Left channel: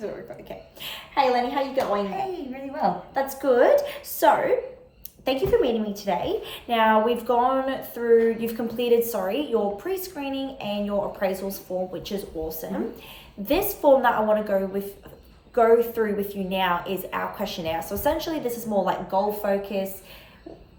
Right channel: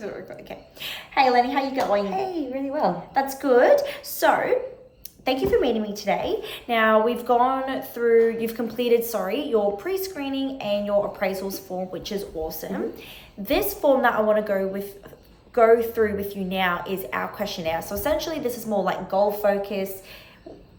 Okay. Hey, Eleni, how you going? Hey, really well. That's good. So, thank you for meeting me today. Now, you've completed, your pre-screening and your appraisals form, which is awesome. Mm-hmm. This form that I want to go through with you now is our questionnaire. So essentially, this is more like goal focus.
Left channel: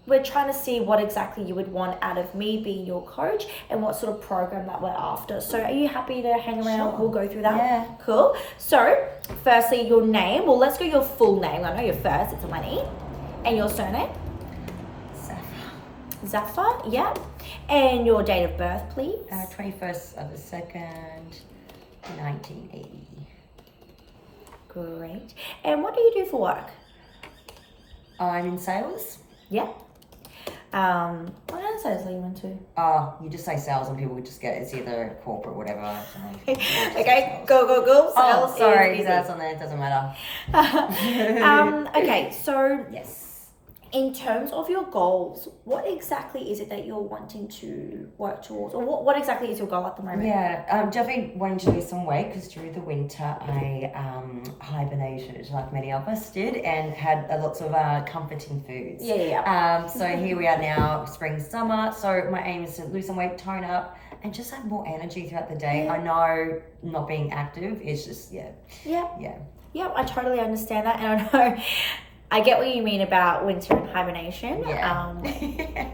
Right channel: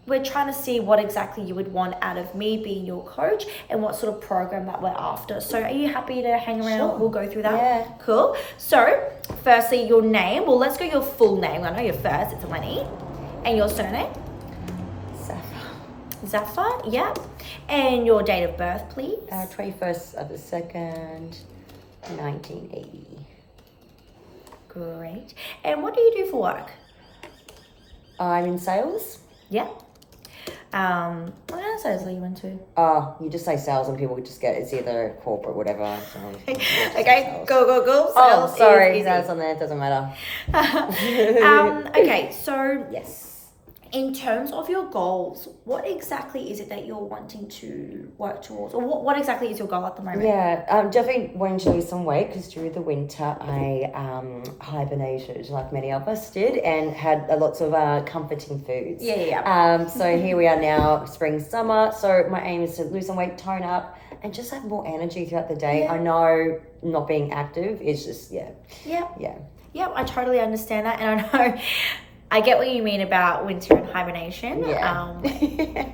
We're trying to see what exactly you would want out of me being your coach and what sort of program that we're after. So are you happy to hang around? Sure. We'll go through that. Yeah. Cool. So firstly, your name. Well, let's go your full name. I know your first. It's Eleni. And your surname? Zafar. Yeah. And your date of birth, please. 21st of the 2nd, 1980. Great. And what do you do for work? I'm in sales. Yeah. What kind of sales are you into? You just say sales and people just get it's either corporate, whatever. So Okay, go. Sales sorry, is that's on there. It doesn't matter. Okay, so Yes. in terms of your goals, what exactly is it that you're wanting to work towards? Or what exactly is your goal at the moment? Yeah, definitely wanting to lose some weight because through the winter I hibernated like many of us did and had lots of comforting foods. Yeah. So here we are now, spring, summer. So my aim is to lose some weight, tone up, and just have more energy throughout the day. Yeah. I know not being active is just, Yeah, I totally understand that. And I know I get what you mean about winter and hibernation. Yeah.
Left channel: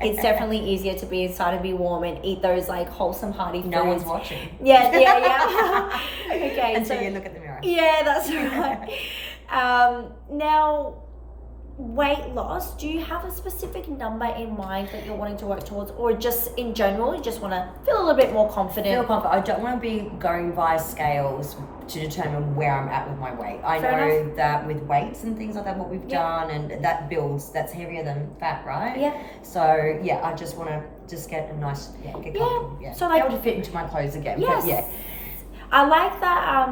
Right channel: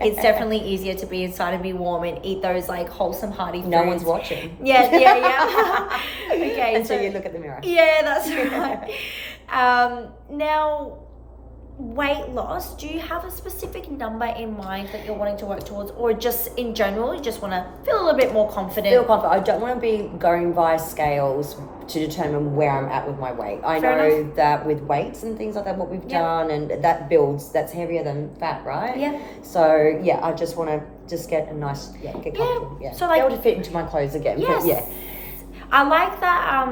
It's definitely easier to be inside and be warm and eat those like wholesome, hearty foods. No one's watching. Yeah. Okay. Until you look at the mirror. Yeah, that's right. Now, weight loss, do you have a specific number in mind that you're wanting to work towards, or just in general you just want to feel a little bit more confident? I don't want to be going via scales to determine where I'm at with my weight. I Fair know enough. that with weights and things like that, what we've done, and that builds, that's heavier than fat, right? Yeah. So I just want to just get a nice, get comfortable. Yeah. So be able to fit into my clothes again. Yes. But I like that.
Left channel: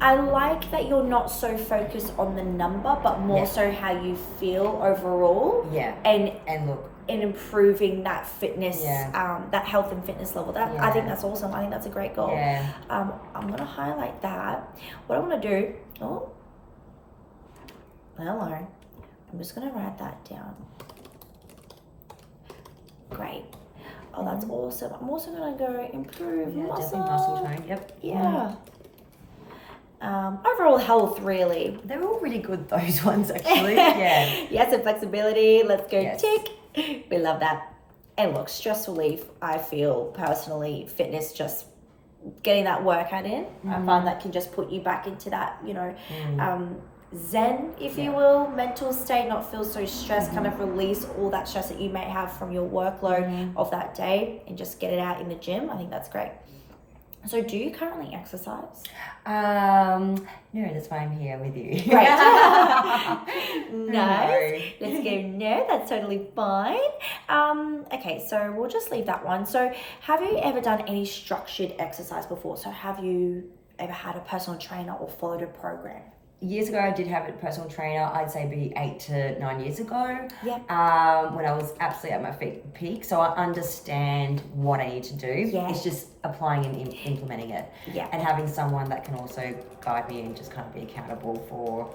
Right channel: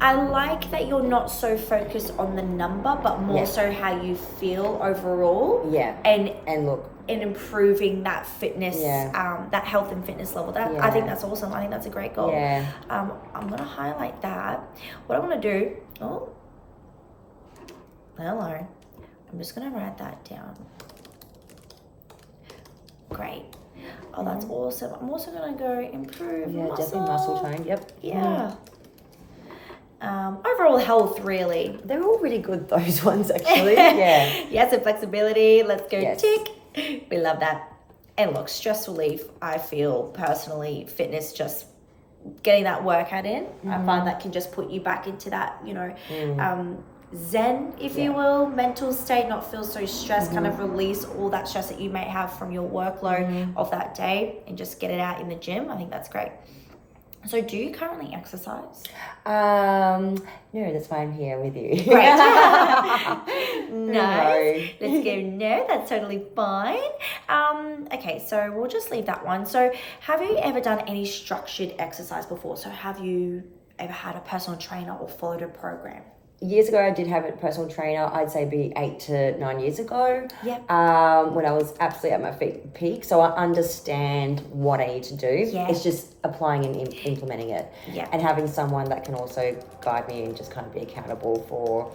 I like that you're not so focused on the number, but more so how you feel overall. Yeah. And look. In improving that fitness, that health and fitness level. I think that's awesome. I think that's a great goal. Yeah. I'm gonna highlight that. What I want to do. Oh, hello. I'm just gonna write that down. Great. Oh, that's awesome. I'm also gonna go improve muscle. Definitely muscle train. Yep. Yeah. Overall health, really. They're all really good, those ones, actually. Yeah. Yes, and flexibility. Let's go tick. Yes. We love that. And look, stress relief, I feel personally, fitness, just getting that workout in, I find that can just put you back into that, zen, if you will, mental state, not feel so stressed, kind of release all that stress that you may have from your workload of that day and just get it out in the gym. I think that's great. So do you currently exercise? No, that's why I'm here with you. Great. Nice. No. Let's go, no, that's totally fine. Okay, so we'll just leave that one. So have you ever done any structured exercise before? So have you ever had a personal trainer or followed a program? Years ago, I did have a personal trainer. I'd say be 8 to 9 years ago. Yeah. When I was absolutely at my peak, so I understand what I need to do. Yeah. It's just applying and implementing it. Yeah. And having someone that can also guide me and just kind of be accountable for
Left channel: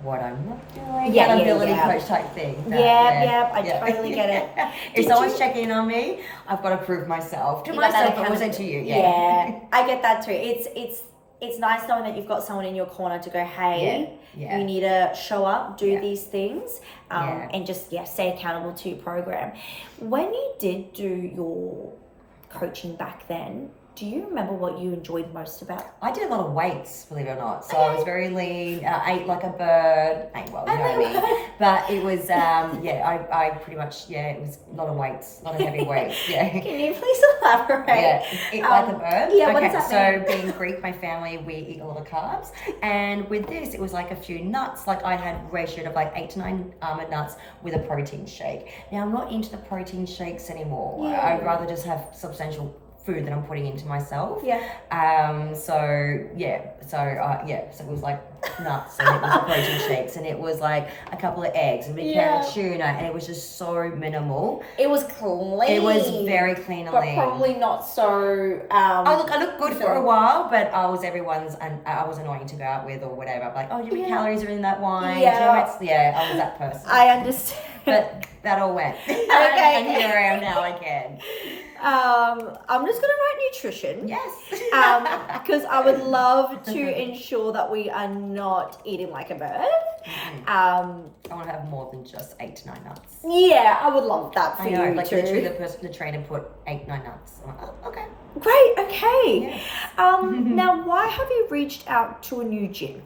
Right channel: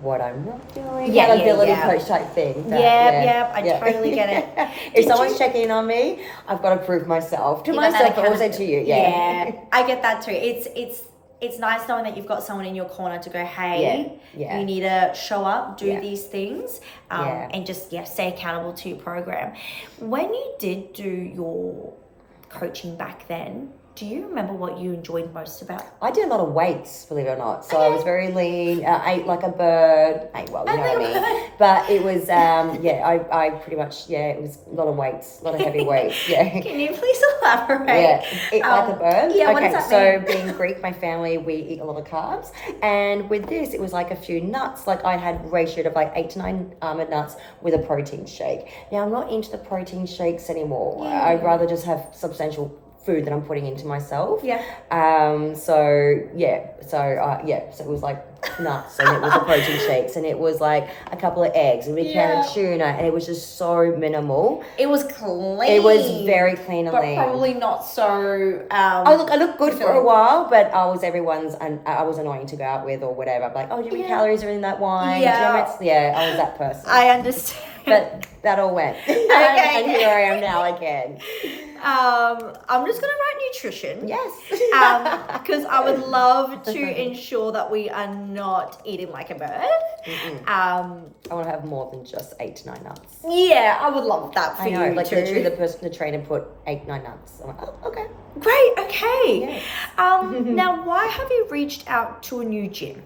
what I'm not doing. Yeah, accountability yeah. coach type thing. I totally get it. If someone's checking in on me, I've got to prove myself to myself, but also to you. Yeah, I get that too. It's nice knowing that you've got someone in your corner to go, hey, you need to show up, do these things, and just stay accountable to your program. When you did do your coaching back then, do you remember what you enjoyed most about it? I did a lot of weights, believe it or not. So I was very lean, ate like a bird. Ate well, you know what I mean. But it was, I pretty much, it was a lot of weights, a lot of heavy weights, Can you please elaborate? Yeah, eat like a bird. Yeah, what does that mean? So being Greek, my family, we eat a lot of carbs. And with this, it was like a few nuts. Like I had ratioed of like 8 to 9 almond nuts with a protein shake. Now, I'm not into the protein shakes anymore. Yeah. I'd rather just have substantial food that I'm putting into myself. Yeah. So it was like nuts, and it was the protein shakes, and it was like a couple of eggs, and we had tuna, and it was just so minimal. It was clean. It was very clean, but probably not so. I looked good for a while, but I was annoying to go out with or whatever. Like, do you know calories are in that wine? Yeah. I was that person. I understand. But that all went. Okay. And here I am now again. I'm just gonna write nutrition. Yes. Because I would love to ensure that we are not eating like a bird. I want to have more than just 8 to 9 nuts. Yeah, I would love that for you like too. literally the trainer put 8, 9 nuts. I'm like, oh, okay. Great. Okay. Yes. Now, why have you reached out to a new gym?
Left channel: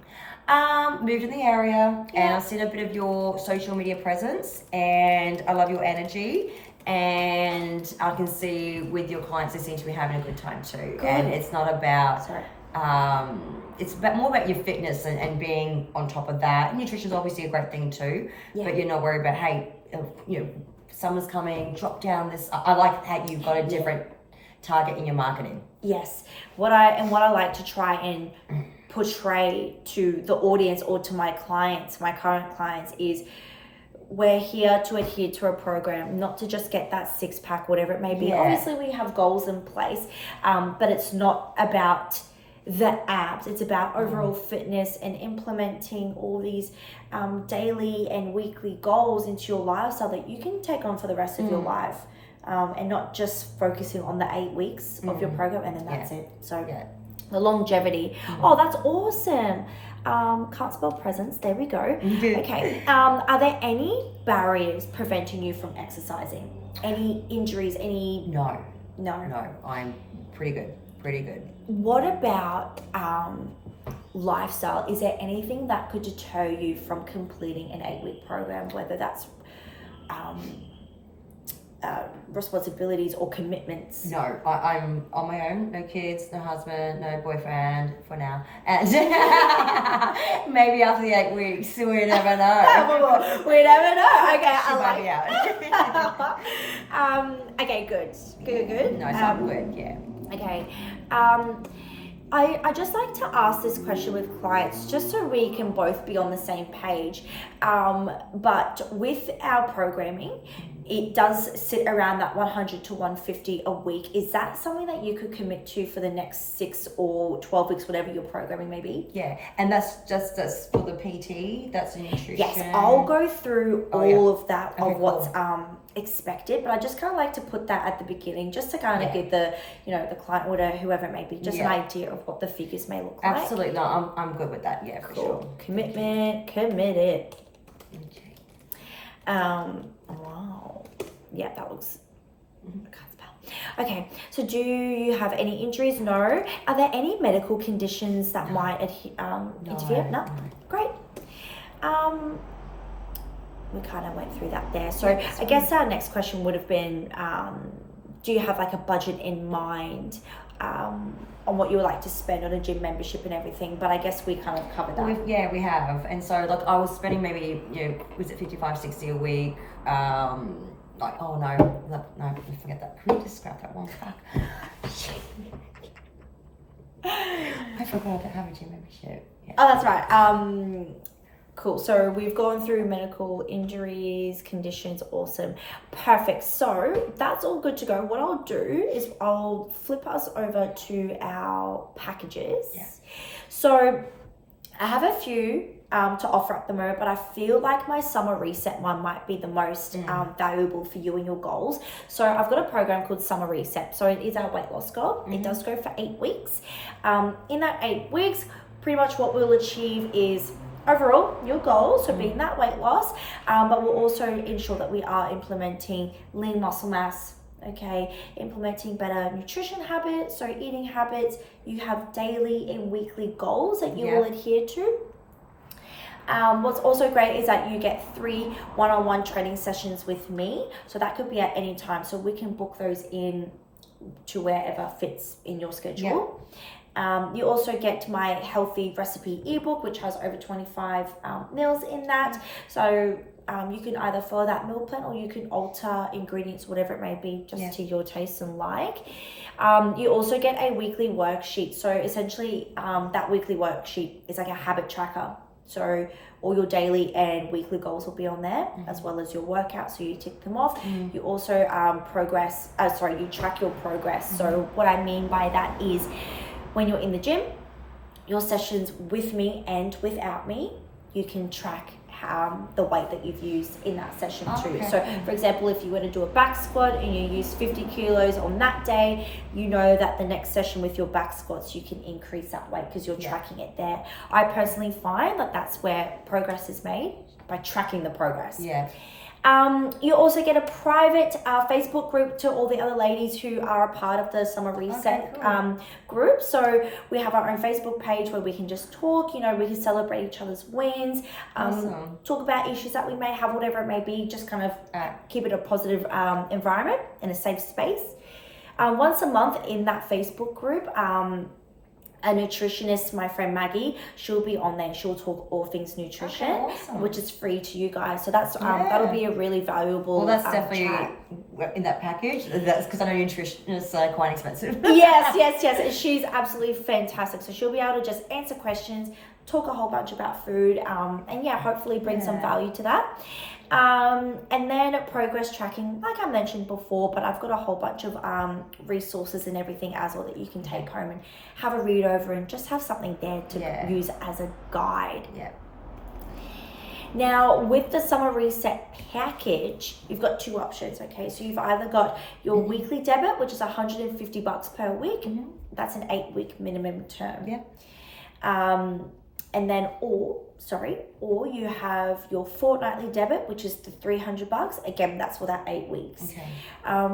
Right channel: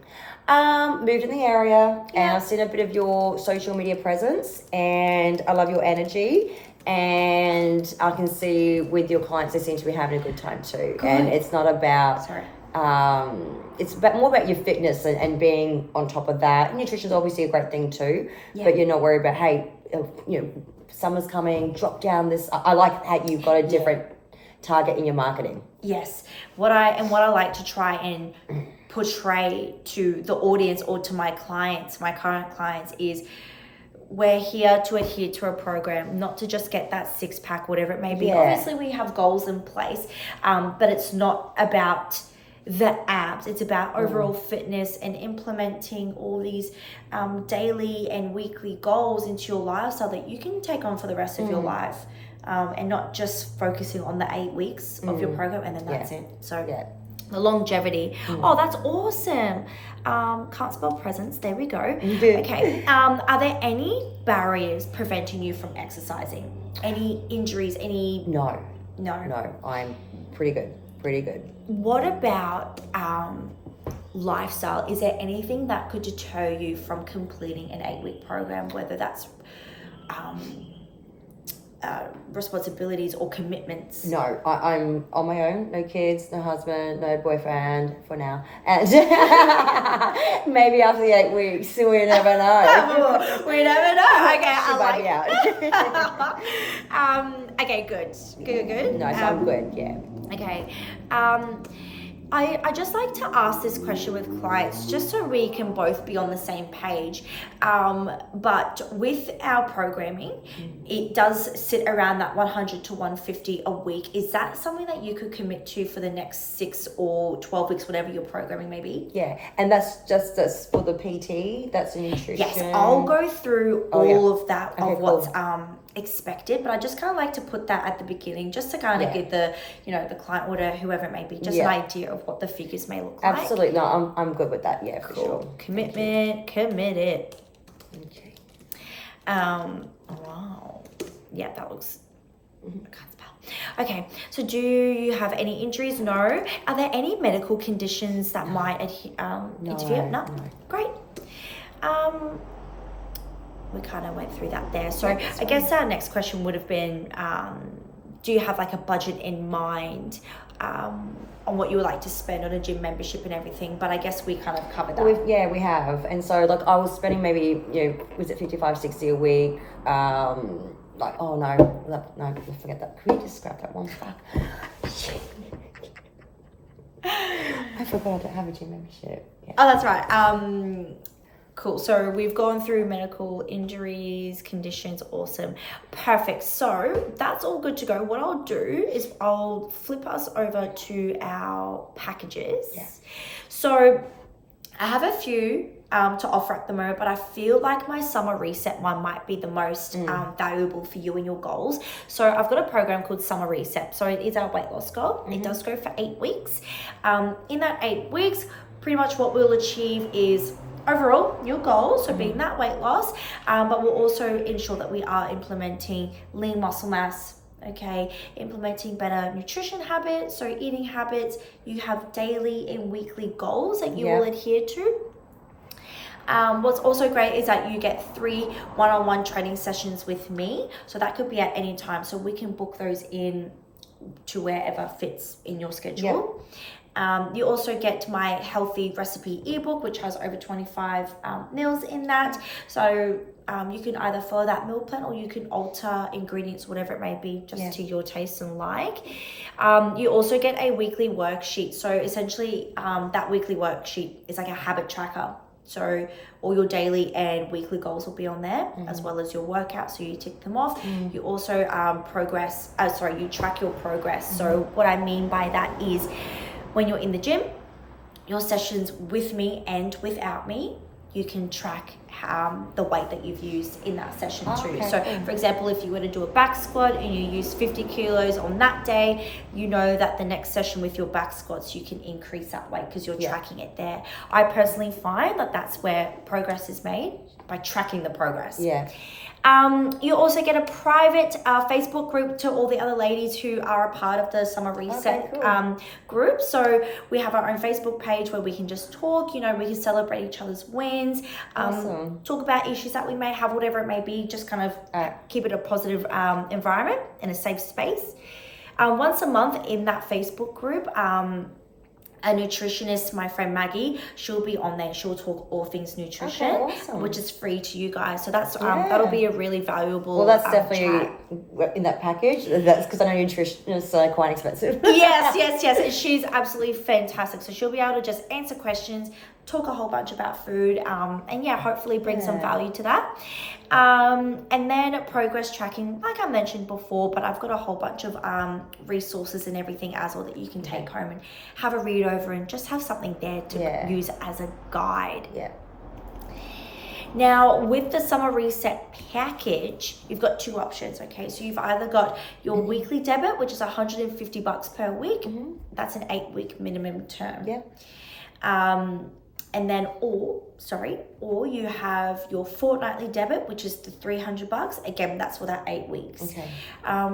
Moved in the area, and I've seen a bit of your social media presence, and I love your energy, and I can see with your clients they seem to be having a good time too. Good. And it's not about it's more about your fitness and being on top of that. Nutrition's obviously a great thing too, but you're not worried about, hey, summer's coming, drop down this. I like how you've got a different target in your marketing. Yes, what I like to try and portray to the audience or to my clients, my current clients, is we're here to adhere to a program, not to just get that 6-pack, whatever it may be. Obviously we have goals in place, but it's not about the abs. It's about overall fitness and implementing all these daily and weekly goals into your lifestyle that you can take on for the rest of your life, and not just focusing on the 8 weeks of your program and then that's it. So the longevity. Oh, that's awesome. Can't spell presence. There we go. Okay. Are there any barriers preventing you from exercising? Any injuries? No, I'm pretty good. What about lifestyle? Is there anything that could deter you from completing an 8-week program, whether that's responsibilities or commitments? No, I'm on my own. No kids, no husband, no boyfriend for now. And maybe after the 8 weeks, we never know. We never know. Okay, I like. Okay, good. No, so I'm good. Yeah. Okay. I just like to ask this question with clients just so we can both be on the same page. But with our programming, it does sit around that 100 to 150 a week. Is that something that you could commit to for the next 6 or 12 weeks, whatever your programming may be? Yeah, and that's for the PT, that's the nutrition. Yes, I'll go through all of that, what's expected, but I just kind of like to put that at the beginning just to kind of give the the client or whoever it may be just an idea of what the figures may look like. Absolutely. No, I'm good with that. Yeah, cool. For sure. Commitment, committed. Wow. Yeah, that looks I can't spell. Okay, so do you have any injuries? No. Are there any medical conditions that might interfere? No. Great. We kind of went through that there. So I guess our next question would have been, do you have like a budget in mind on what you would like to spend on a gym membership and everything? But I guess we kind of covered that. We have. And so like I was spending maybe, was it 55, 60 a week? No, forget that. Can we just scrap that one? Fuck. I forgot to have a gym membership. Yeah. Oh, that's right. Cool. So we've gone through medical injuries, conditions. Awesome. Perfect. So that's all good to go. What I'll do is I'll flip us over to our packages. Yeah. So I have a few to offer at the moment, but I feel like my summer reset one might be the most valuable for you and your goals. So I've got a program called Summer Reset. So it is our weight loss goal. It does go for 8 weeks. In that 8 weeks, pretty much what we'll achieve is overall your goals, so being that weight loss, but we'll also ensure that we are implementing lean muscle mass, implementing better nutrition habits, so eating habits. You have daily and weekly goals that you will adhere to. What's also great is that you get 3 one-on-one training sessions with me, so that could be at any time, so we can book those in to wherever fits in your schedule. You also get my healthy recipe ebook, which has over 25 meals in that. So you can either follow that meal plan or you can alter ingredients, whatever it may be, just to your taste and like. You also get a weekly worksheet. So essentially, that weekly worksheet is like a habit tracker. So all your daily and weekly goals will be on there, as well as your workouts. So you tick them off. You also you track your progress. So what I mean by that is when you're in the gym, your sessions with me and without me, you can track the weight that you've used in that session too. Okay. So for example, if you were to do a back squat and you use 50 kilos on that day, you know that the next session with your back squats, you can increase that weight because you're tracking it there. I personally find that that's where progress is made, by tracking the progress. Yeah. You also get a private Facebook group to all the other ladies who are a part of the Summer Reset group. So we have our own Facebook page where we can just talk, we can celebrate each other's wins, talk about issues that we may have, whatever it may be, just kind of keep it a positive environment and a safe space. Once a month in that Facebook group, a nutritionist, my friend Maggie, she'll be on there. She'll talk all things nutrition, which is free to you guys. So that's that'll be a really valuable. Well, that's definitely in that package. That's because I know nutritionists are quite expensive. yes. And she's absolutely fantastic. So she'll be able to just answer questions, talk a whole bunch about food, and hopefully bring some value to that. And then progress tracking, like I mentioned before, but I've got a whole bunch of resources and everything as well that you can take home and have a read over and just have something there to use as a guide. Yeah. Now, with the Summer Reset package, you've got two options, okay? So you've either got your weekly debit, which is $150 per week. That's an 8-week minimum term. Yeah. And then, or you have your fortnightly debit, which is the $300. Again, that's for that 8 weeks. Okay.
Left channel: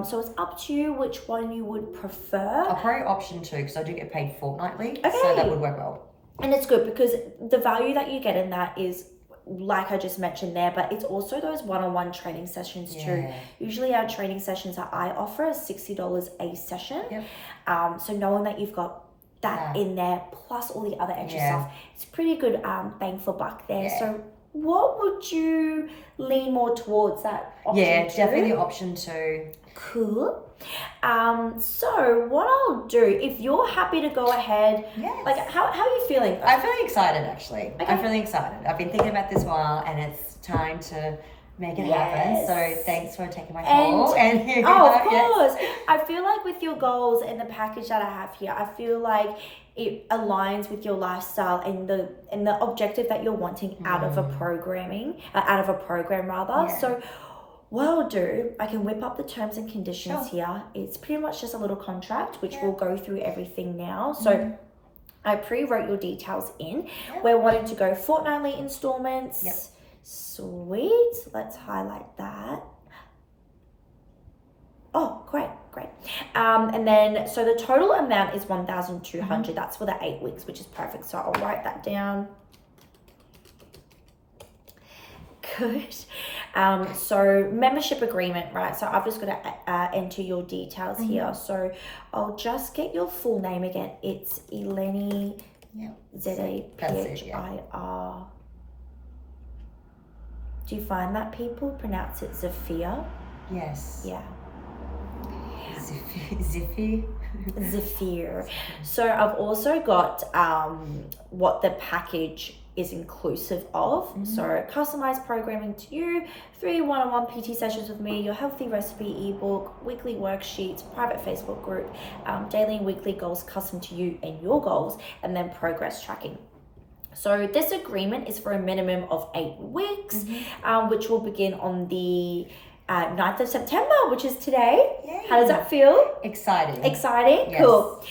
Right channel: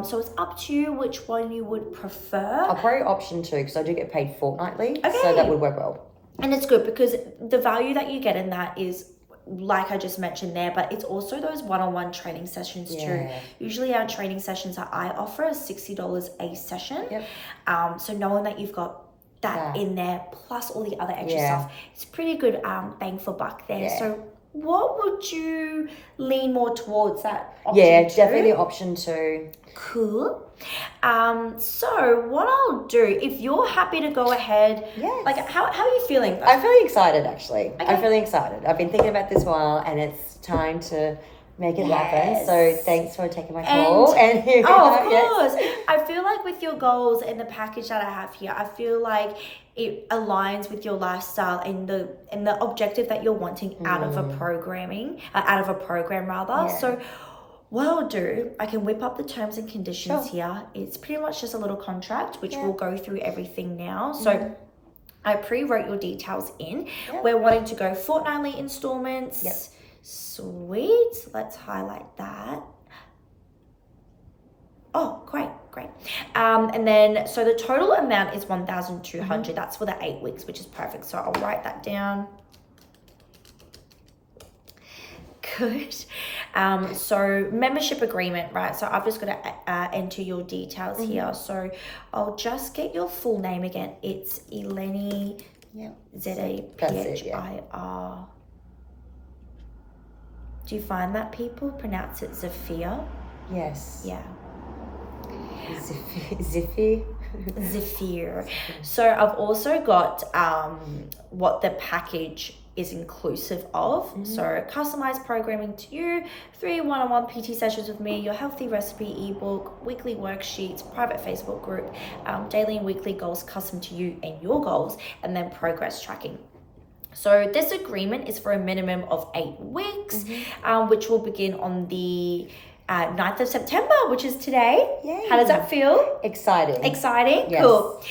So it's up to you which one you would prefer. I'll probably option 2 because I do get paid fortnightly. Okay. So that would work well. And it's good because the value that you get in that is, like I just mentioned there, but it's also those one-on-one training sessions too. Usually our training sessions that I offer are $60 a session. Yep. So knowing that you've got that in there plus all the other extra stuff, it's pretty good bang for buck there. So what would you lean more towards, that option 2? Definitely option 2. Cool. So what I'll do, if you're happy to go ahead, like how are you feeling? I'm feeling excited actually. I'm feeling excited. I've been thinking about this while and it's time to make it happen. So thanks for taking my call. And of course. I feel like with your goals and the package that I have here, I feel like it aligns with your lifestyle and the objective that you're wanting out of a program rather. So what I'll do, I can whip up the terms and conditions here. It's pretty much just a little contract, which we'll go through everything now. So I pre-wrote your details in. We're wanting to go fortnightly installments. Sweet. Let's highlight that. Oh, great. And then, so the total amount is $1,200. That's for the 8 weeks, which is perfect. So I'll write that down. Good. So membership agreement, right? So I've just got to enter your details here. So I'll just get your full name again. It's Eleni, Zaphir. Do you find that people pronounce it Zaphir? Yes. Yeah. Zaphir. So I've also got what the package is inclusive of. So customized programming to you, 3 one-on-one PT sessions with me, your healthy recipe ebook, weekly worksheets, private Facebook group, daily and weekly goals custom to you and your goals, and then progress tracking. So this agreement is for a minimum of 8 weeks, which will begin on the 9th of September, which is today. Yay. How does that feel? Exciting? Yes. Cool.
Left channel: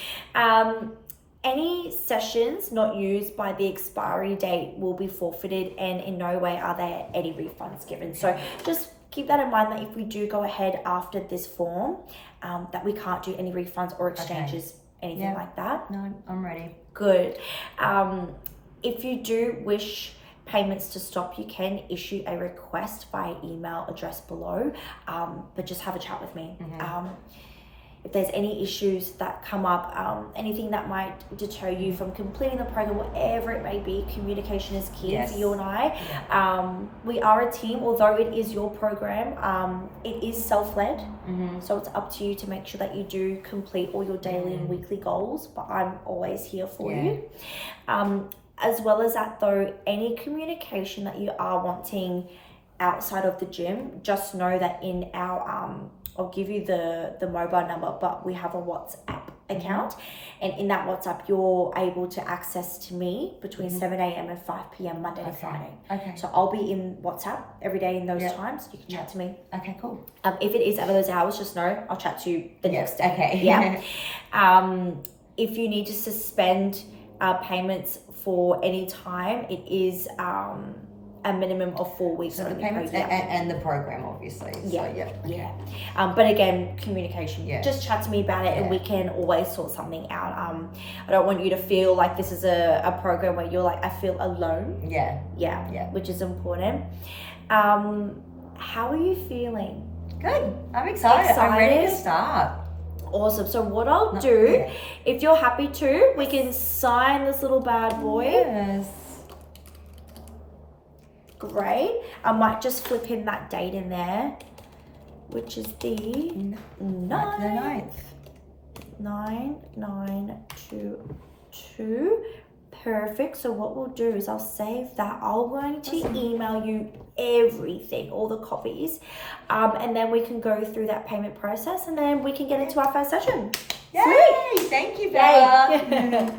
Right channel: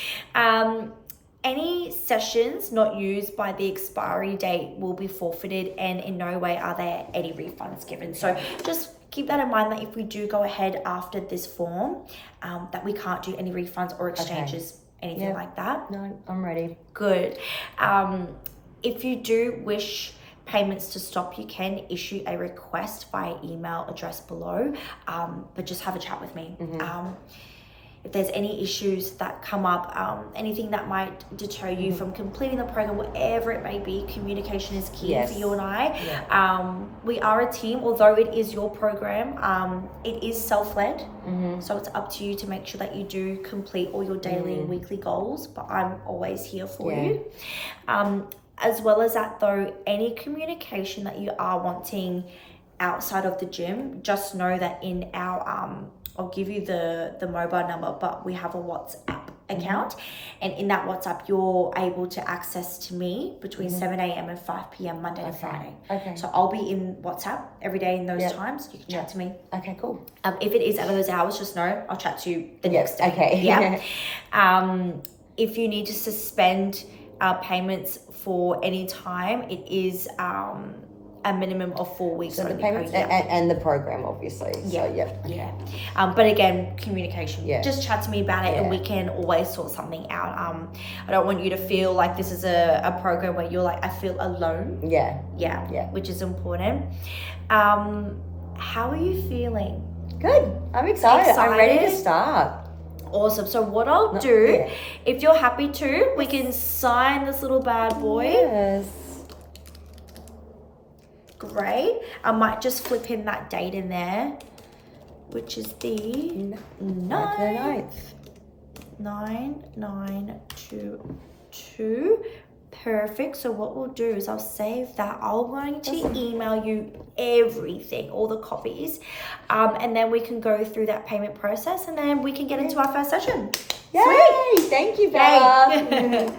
Any sessions not used by the expiry date will be forfeited, and in no way are there any refunds given. So just keep that in mind, that if we do go ahead after this form, that we can't do any refunds or exchanges, anything like that. No, I'm ready. Good. If you do wish payments to stop, you can issue a request via email address below, but just have a chat with me. if there's any issues that come up, anything that might deter you from completing the program, whatever it may be, communication is key for you and I. We are a team, although it is your program, it is self-led, so it's up to you to make sure that you do complete all your daily and weekly goals, but I'm always here for you. As well as that though, any communication that you are wanting outside of the gym, just know that in our I'll give you the mobile number, but we have a WhatsApp account, and in that WhatsApp you're able to access to me between 7 a.m. and 5 p.m. Monday to Friday. So I'll be in WhatsApp every day in those times. You can chat to me. Okay, cool. If it is out of those hours, just know I'll chat to you the next day. If you need to suspend payments for any time, it is a minimum of 4 weeks. So the payments and the program, obviously. But again, communication. Just chat to me about it, and we can always sort something out. I don't want you to feel like this is a program where you're like, I feel alone. Which is important. How are you feeling? Good. I'm excited. I'm ready to start. Awesome. So what I'll do, if you're happy to, we can sign this little bad boy. Yes. Great. I might just flip in that date in there, which is the 9th. 9922. Perfect. So what we'll do is I'll save that. I'm going to email you everything, all the copies, and then we can go through that payment process, and then we can get into our first session. Yay! Sweet. Thank you, Bella.